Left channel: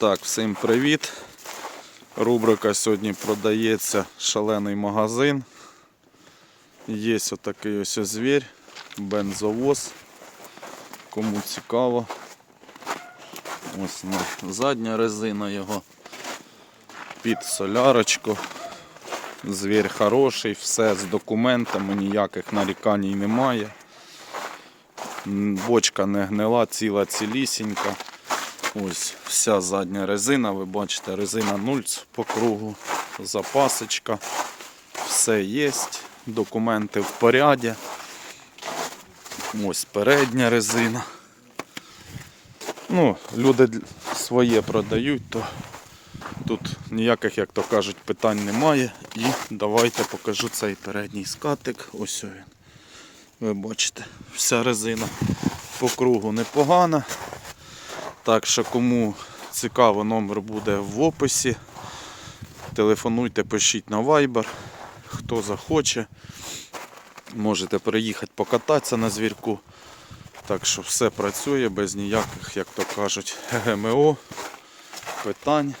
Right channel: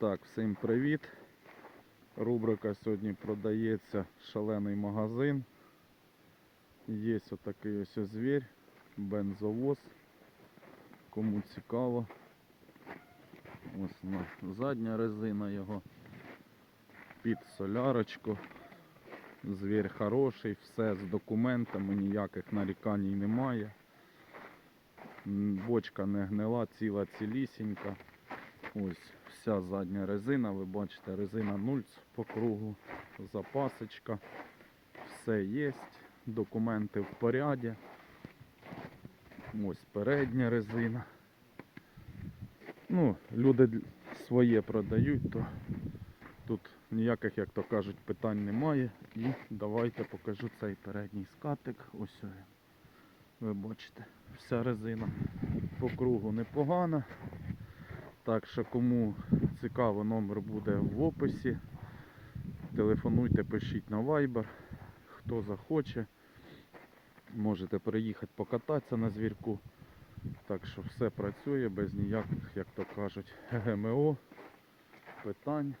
Так, всім привіт. Рубрика сьогодні продається шалений магазин. Є отакий ось звір, бензовоз. Кому цікаво. Ось задня резина його під солярочку. Звір хороший, все з документами, ніяких нарікань немає. Бочка не гнила, ціла цілісінька. Ось вся задня резина, ви бачите, резина нульц по кругу, запасочка, все є, документи в поряді. Ось передня резина. Ну, люди своє продають, то тут ніяких, як то кажуть, питань немає. І давайте покажу цей передній скатик. Ось він. Ви бачите, вся резина по кругу непогана. Так що кому цікаво, номер буде в описі. Телефонуйте, пишіть на Viber. Хто захоче, можете приїхати покататися на звірку. Так що все працює без ніяких, як то кажуть, ГМО, питань.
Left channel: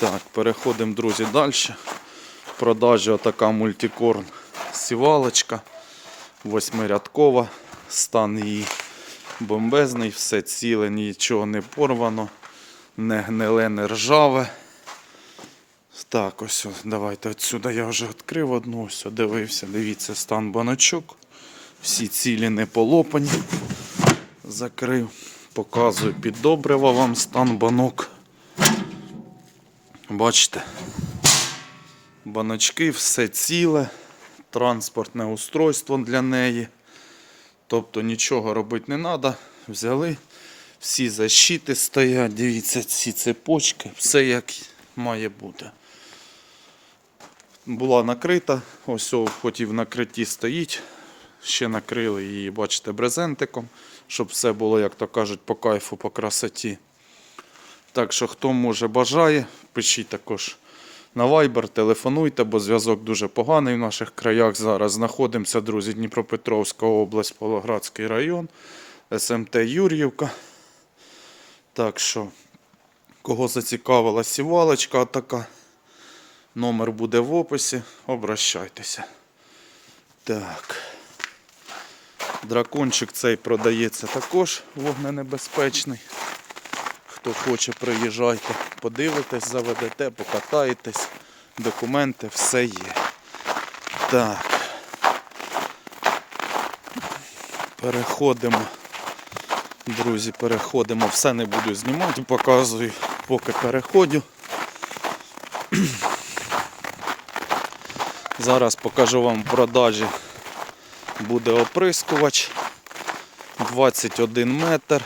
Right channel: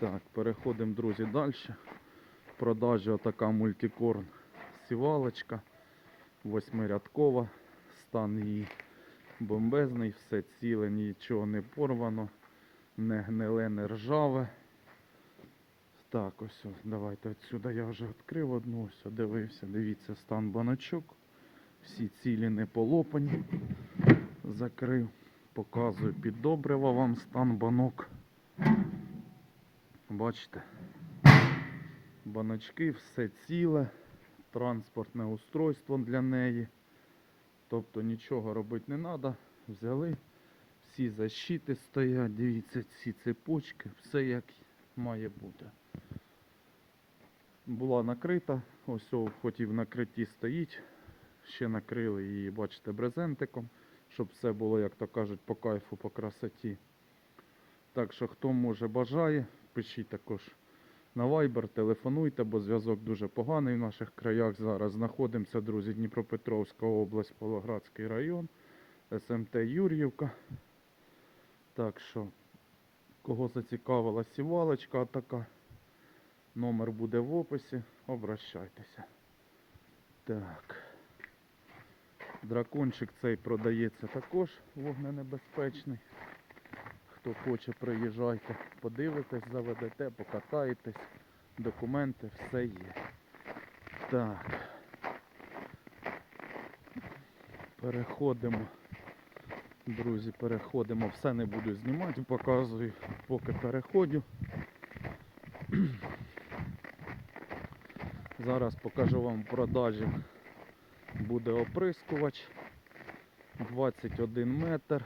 Так, переходимо, друзі, далі. В продажі отака мультикорн сівалочка, восьмирядкова, стан її бомбезний, все ціле, нічого не порвано, не гниле, не ржаве. Так, ось, давайте отсюди я вже відкрив одну, ось дивився, дивіться, стан баночок. Всі цілі не полопані. Закрив. Показую під добрива вам стан банок. Бачите, баночки, все ціле, транспортне устройство для неї. Тобто нічого робити не треба. Взяли, всі защити стоять, дивіться, ці цепочки, все як має бути. Була накрита, ось хоч і в накритті стоїть. Ще накрили її, бачите, брезентиком, щоб все було, як то кажуть, по кайфу, по красоті. Так що, хто може бажає, пишіть також на Viber, телефонуйте, бо зв'язок дуже поганий в наших краях. Зараз знаходимося, друзі, Дніпропетровська область, Павлоградський район, СМТ Юр'ївка. Так що, кого зацікавила сівалочка така, номер буде в описі, обращайтеся. Так. Дракончик цей продається також вогненебезпечний. Хто хоче, приїжджайте, подивитесь, заведете, покатаєтесь, документи, все є. Так. Переходимо. Друзі, переходимо. Все не буду знімати, показую, поки переходю. Зараз покажу вам в продажі. Буде оприскувач 21 метр.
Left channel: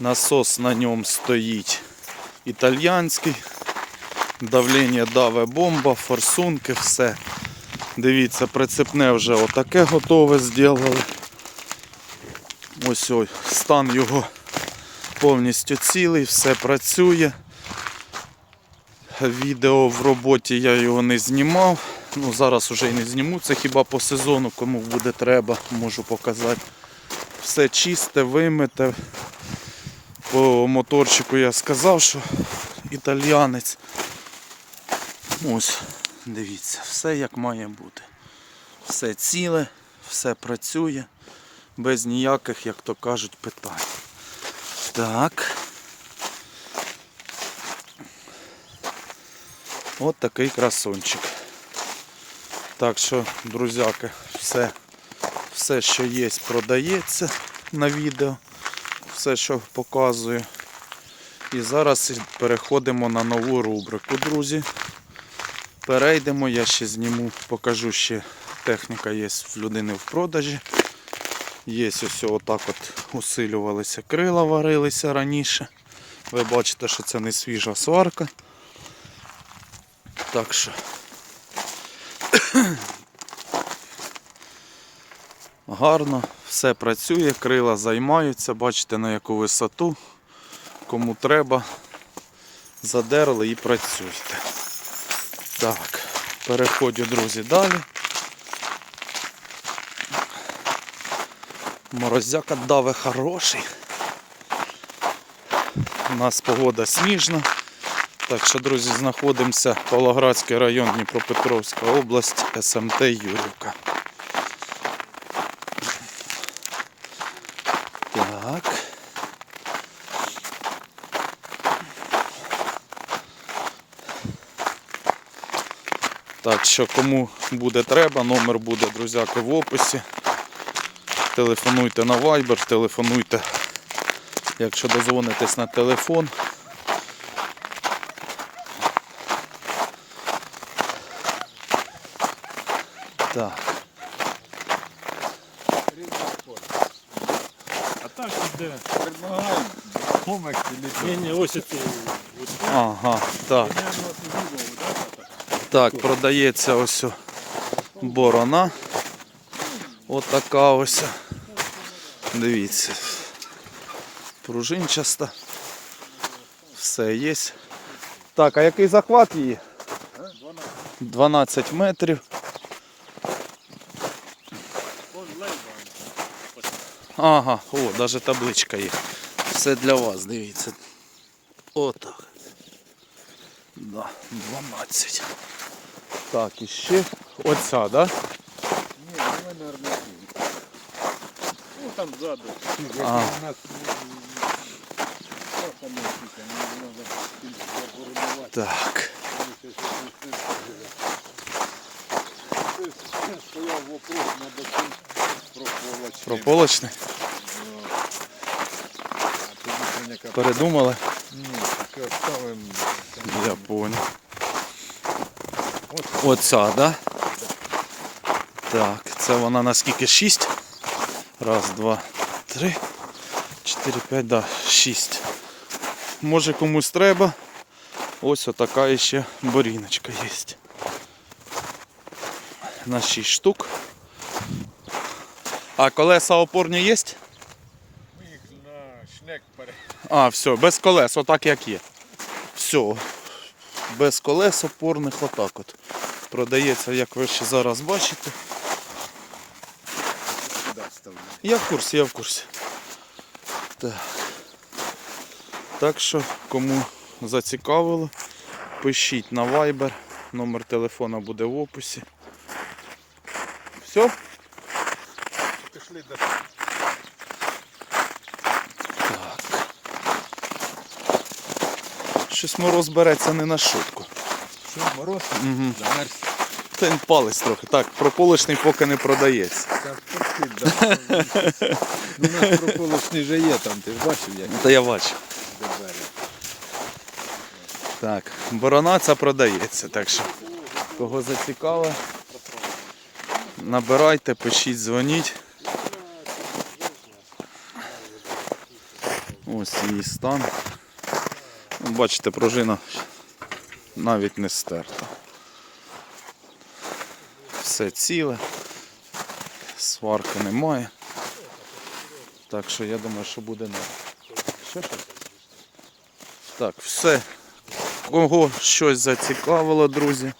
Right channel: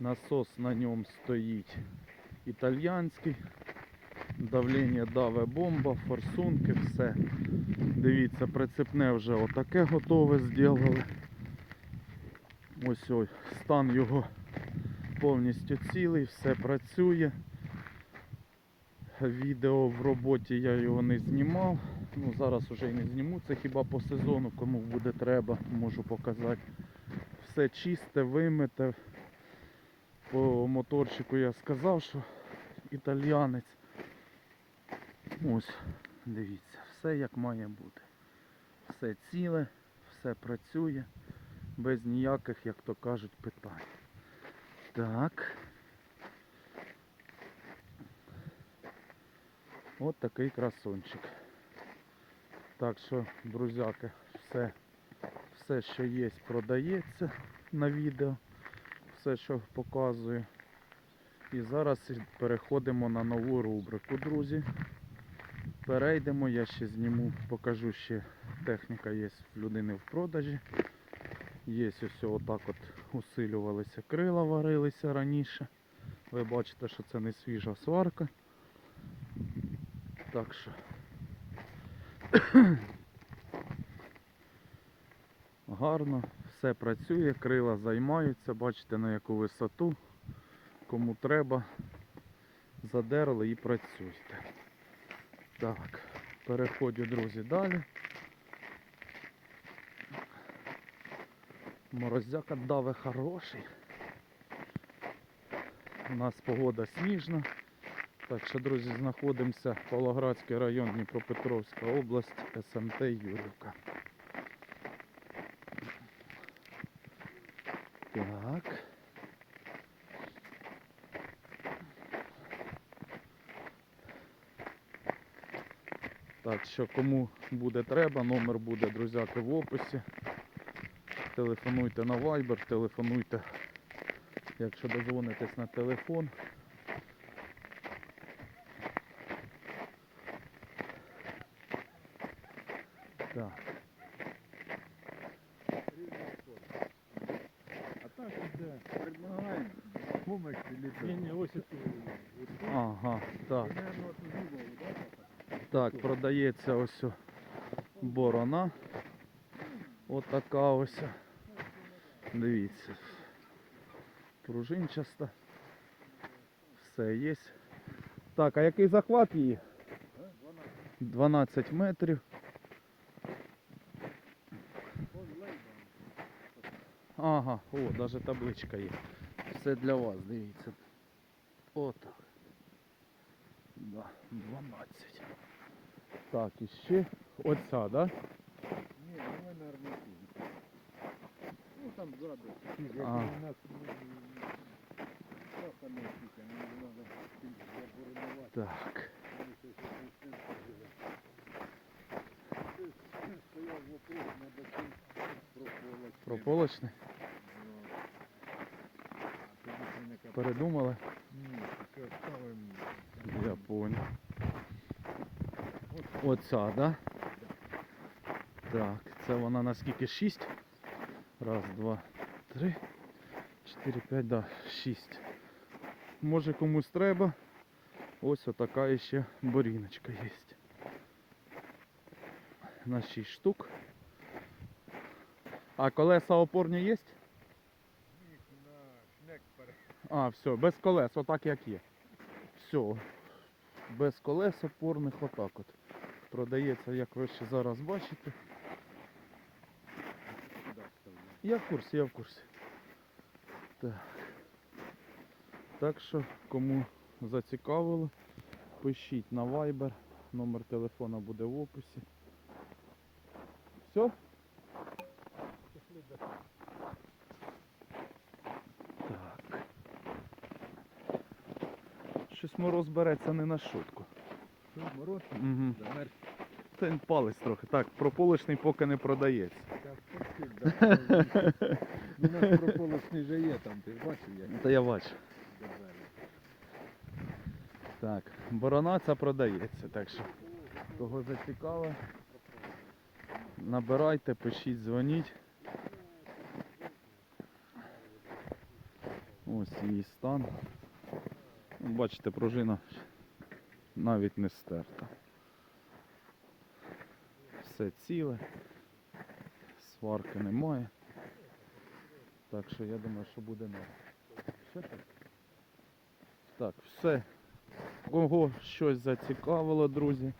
Насос на ньому стоїть італьянський. Давлення даве бомба, форсунки, все. Дивіться, прицепне вже отаке готове зробили. Ось ось стан його повністю цілий, все працює. Відео в роботі я його не знімав. Ну, зараз вже і не зніму, це хіба по сезону, кому буде треба, можу показати. Все чисте, вимите. По моторчику я сказав, що італіянець. Ось, дивіться, все як має бути. Все ціле, все працює, без ніяких, як то кажуть, питань. Так. От такий красунчик. Так що, друзяки, все, все, що є, продається на відео. Все, що показую. І зараз переходимо на нову рубрику, друзі. Перейдемо, я ще зніму, покажу ще техніка є в людини в продажі. Є ось отак от усилювалися крила, варилися раніше. Ви бачите, що це не свіжа сварка. Так що. Гарно, все працює, крила займаються, бачите на яку висоту. Кому треба, задерли і працюйте. Так, переходжу, друзі, далі. Морозяка даве хороший. У нас погода сніжна. Так що, друзі, знаходимося Павлоградський район Дніпропетровська область, СМТ Юрівка. Так. Так що кому буде треба, номер буде, друзяки, в описі. Телефонуйте на Viber, телефонуйте, якщо дозвонитесь на телефон. Так, А так іде. Предлагаємо. Комик чи Ні, ні, ось це. ага, так. Так, продається ось борона. Отака ось. Дивіться. Пружинчаста. Все є. Так, а який захват її? 12 метрів. Ага, о, навіть табличка є. Все для вас, дивіться. Отак. Да, 12. Так, і ще оця, да? Ні, давай на. Ну там ззаду. А. у нас м, що там є, тільки, не можна заборонувати. Так. Стояв вопрос на про полочки. Прополочний. Передумали? Ні, ставимо. Я понял. Оця, да? Так, це вона наскільки? 6? Раз, два, три, чотири, п'ять, да, шість. Може комусь треба. Ось отака ще боріночка є. На 6 штук. А колеса опорні є? А, все, без колес, отак як є. Все. Без колес опорних отак от. Продається, як ви ще зараз бачите. Я в курсі, я в курсі. Так. Так що, кому зацікавило, пишіть на Viber. Номер телефона буде в описі. Все? Щось мороз береться не на шутку. Що, мороз? Угу. Замерз. Та він палець трохи. Так, прополочний поки не продається. Та пустить, да. Ну, У нас прополочний же є там, ти ж бачив, як Та я бачу. Так, борона ця продається, так що кого зацікавило, набирайте, пишіть, дзвоніть. Ось її стан. Бачите, пружина навіть не стерта. Все ціле, сварки немає. Так що я думаю, що буде не. Так, все. Кого щось зацікавило, друзі,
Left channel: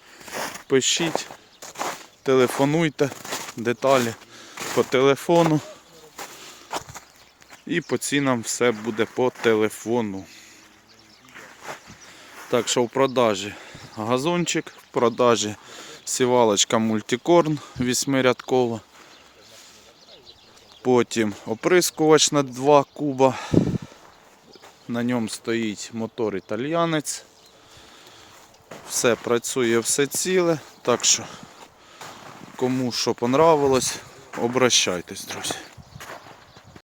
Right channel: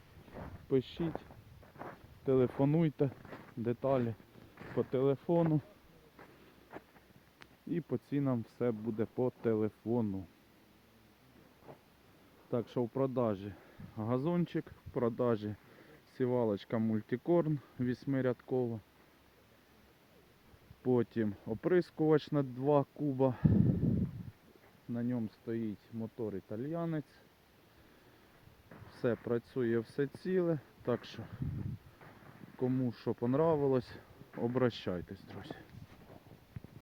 пишіть, телефонуйте, деталі по телефону. І по цінам все буде по телефону. Так що в продажі газончик, в продажі сівалочка мультикорн вісьмирядкова. Потім оприскувач на 2 куба. На ньому стоїть мотор італіянець. Все працює, все ціле. Так що, кому що понравилось, обращайтесь, друзі.